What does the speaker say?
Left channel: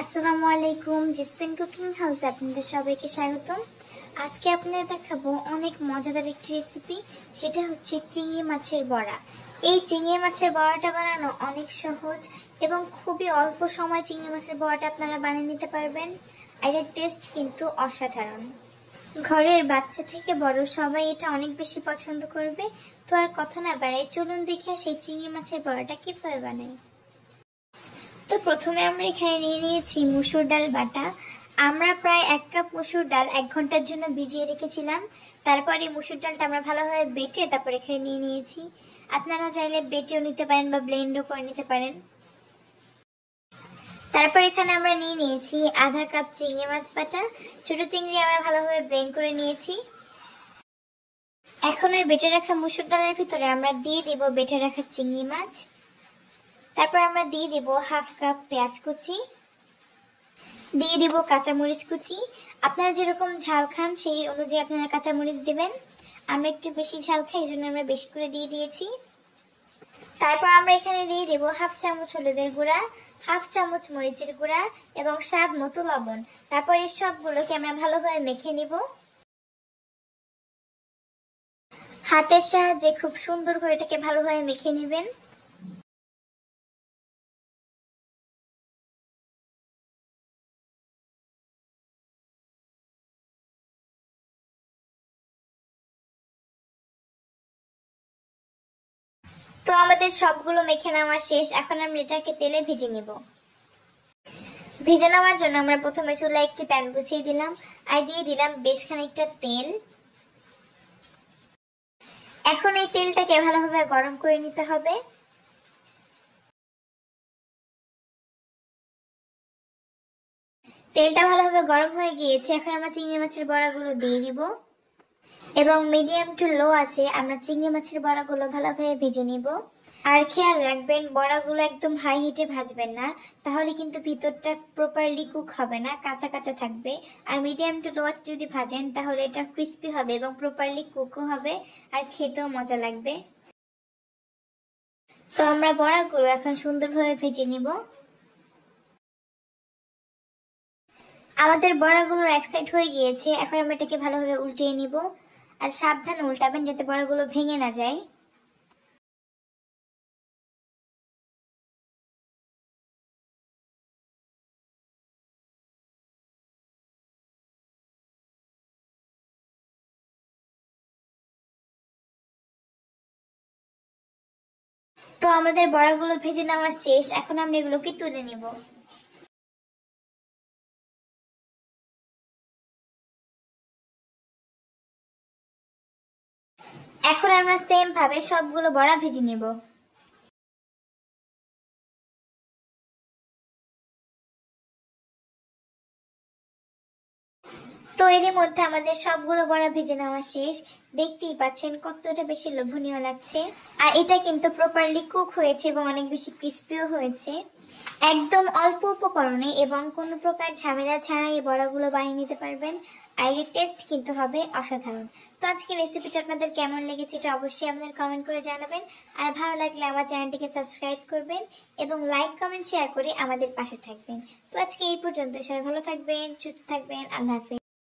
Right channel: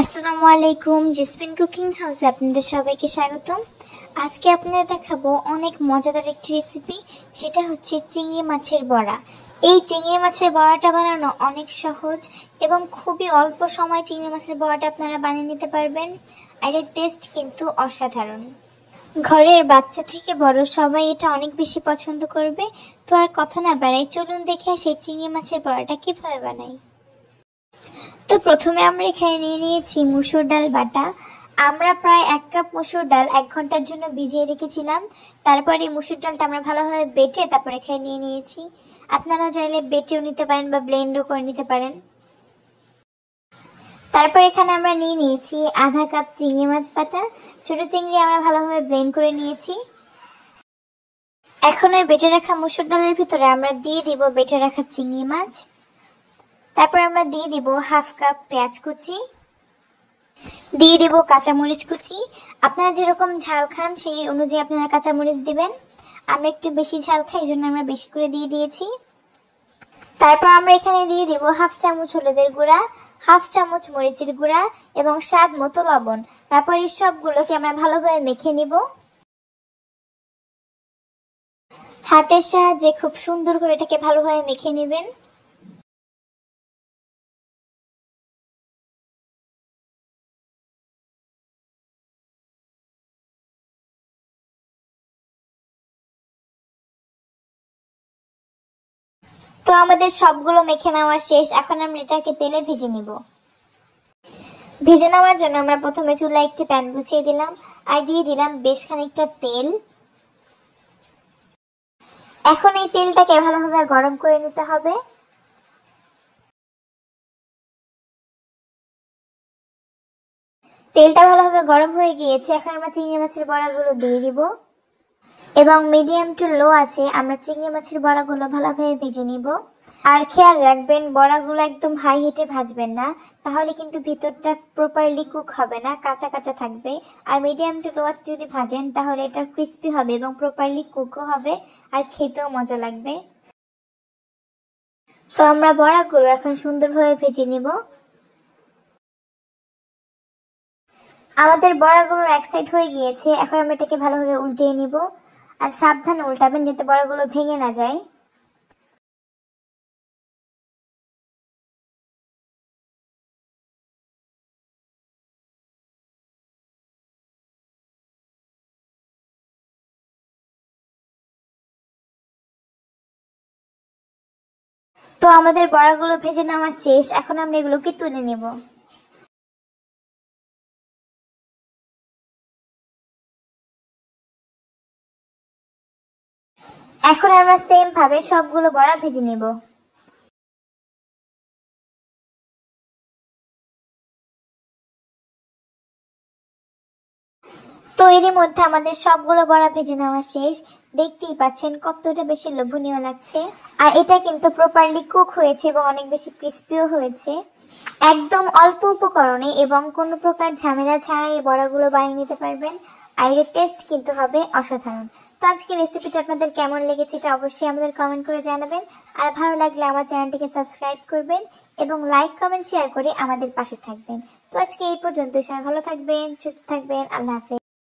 আসসালামু আলাইকুম, jasmine cooking হাউসে আপনাদের সবাইকে স্বাগতম। আজকে আপনাদের দেখাবো অনেক মজাদার একটি রেসিপি, সেটা হচ্ছে চিংড়ি মাছের বড়া। এই চিংড়ি মাছের বড়াটা বানানো অনেক সহজ এবং খুবই অল্প সময় চিংড়ি মাছের বড়াটা আপনারা বানিয়ে নিতে পারবেন। আর এর টেস্ট কিন্তু অসাধারণ। ঘরের বাচ্চা থেকে বড় সবাই এটা অনেক বেশি পছন্দ করবে। তো আর কথা না বাড়াই, চলুন দেখে সেই চিংড়ি মাছের বড়াটা কিভাবে বানাই। তো প্রথমে আমরা এখানে নিয়ে নিয়েছি মসুর ডাল বাটা। আমরা প্রায় 1 কাপ মসুর ডাল 1 ঘন্টার জন্য ভিজিয়ে রেখেছিলাম। তারপরে মসুর ডালটা আমরা ভালোভাবে বেটে তারপর এখানে নিয়ে নিয়েছি। আপনারাও চাইলে বেটেও নিতে পারেন বা ব্লেন্ডও করে নিতে পারেন। তারপর এখানে আমরা নিয়ে নিয়েছি আধা কাপ চিংড়ি মাছ বাটা। ছোট চিংড়ি আমরা ভালোভাবে ব্লেন্ড করে নিয়েছি। এখন ওই বেটে রাখা মসুর ডালের ভিতরে আমরা দিয়ে দিব বেটে রাখা চিংড়ি মাছ। তারপর আমরা দিয়ে দিব 1/2 কাপ পেঁয়াজ কুচি, দিয়ে দেব কাঁচামরিচ কুচি। আপনারা যেরকম ঝাল খান সেই অনুযায়ী আপনারা কাঁচামরিচ দিবেন। আমরা একটু বেশি ঝাল খাই, এই জন্য আমরা বেশি করে দিয়ে দিয়েছি। তারপর আমরা এখানে দিয়ে দেব 1/2 চামচ হলুদের গুঁড়া, 1/2 চামচ মরিচের গুঁড়া এবং স্বাদ মতো লবণ। তারপর এই সবগুলোকে আমরা ভালোভাবে মেখে নিব। হাতের সাহায্যে খুব সুন্দর করে এটাকে ভালোভাবে মেখে নেবেন। তো আমাদের সবগুলো মেখে নেওয়া শেষ। এখন আমরা এটাকে তেলে ভেজে নিব। ভেজে নেওয়ার জন্য আমরা প্রথমে চুলায় একটি প্যান বসিয়ে দিলাম আর দিয়ে দিলাম বেশ খানিকটা তেল। এখন এই তেলটাকে ভালোভাবে গরম করে নিতে হবে। তেলটা ভালোভাবে গরম হয়ে গিয়েছে। এখন আমরা চিংড়ি মাছের বড়াগুলো দিয়ে দিব এবং মিডিয়াম টু লো আছে আমরা চিংড়ি মাছের বড়াগুলো ভালোভাবে ভেজে নিব। আর খেয়াল রাখবেন বড়াগুলো একদম হাই হিটে ভাজবেন না, তাহলে কিন্তু ভিতরটা প্রপারলি কুক হবে না, কাঁচা কাঁচা থাকবে। আর মিডিয়াম টু লো আছে যদি ভাজেন তাহলে এটা ক্রিস্পি হবে এবং প্রপারলি কুকও হবে আর খেতেও মজা লাগবে। তো আমরা বড়াগুলো এখন সুন্দরভাবে ভেজে নিব। আমাদের বড়াগুলোর এক সাইড হয়ে গিয়েছে। এখন আমরা এটাকে ভালোভাবে উল্টিয়ে নিব। আর সাবধানে উল্টাবেন যাতে বড়াগুলো ভেঙে না যায়। তো আমাদের বড়াগুলো ভেজে নেওয়া শেষ। এখন আমরা এগুলোকে তুলে নিব। এখন আমরা সেম ভাবে সবগুলো বড়া ভেজে নিব। তো এরই মধ্যে আমাদের সবগুলো বড়া ভেজে নেওয়া শেষ। দেখতেই পাচ্ছেন কতটা বেশি লোভনীয় লাগছে। আর এটা কিন্তু প্রপারলি কুক হয়েছে এবং অনেক বেশি ক্রিস্পিও হয়েছে। একদম অল্প উপকরণে এবং কোনো প্রকার ঝামেলা ছাড়া এই বড়াগুলো বানিয়ে নিতে পারবেন। আর এর টেস্ট কিন্তু হবে অসাধারণ। তো আজকের রেসিপিটা আপনাদের কেমন লেগেছে এটা অবশ্যই আমাদের কমেন্ট করে জানাবেন। আর ভালো লাগলে আমার চ্যানেলটিকে সাবস্ক্রাইব করবেন এবং লাইক কমেন্ট শেয়ার করে আমাদের পাশে থাকবেন। তো আজকে এই পর্যন্ত। সবাই ভালো থাকবেন, সুস্থ থাকবেন। আল্লাহ হাফেজ।